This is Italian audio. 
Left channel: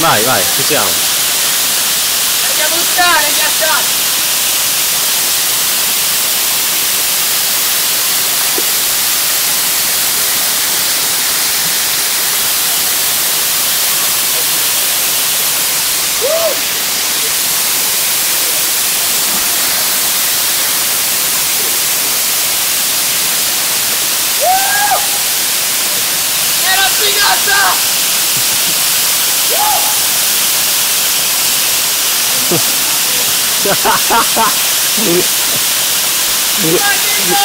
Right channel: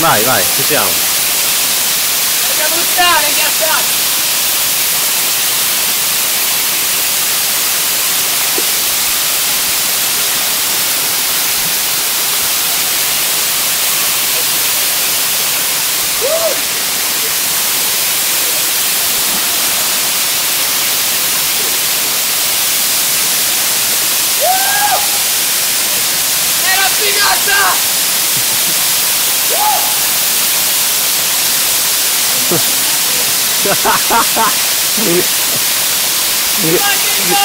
Vai, vai, ci siamo. Andiamo a buttare, ghiacciati! Era figata! Dai che no!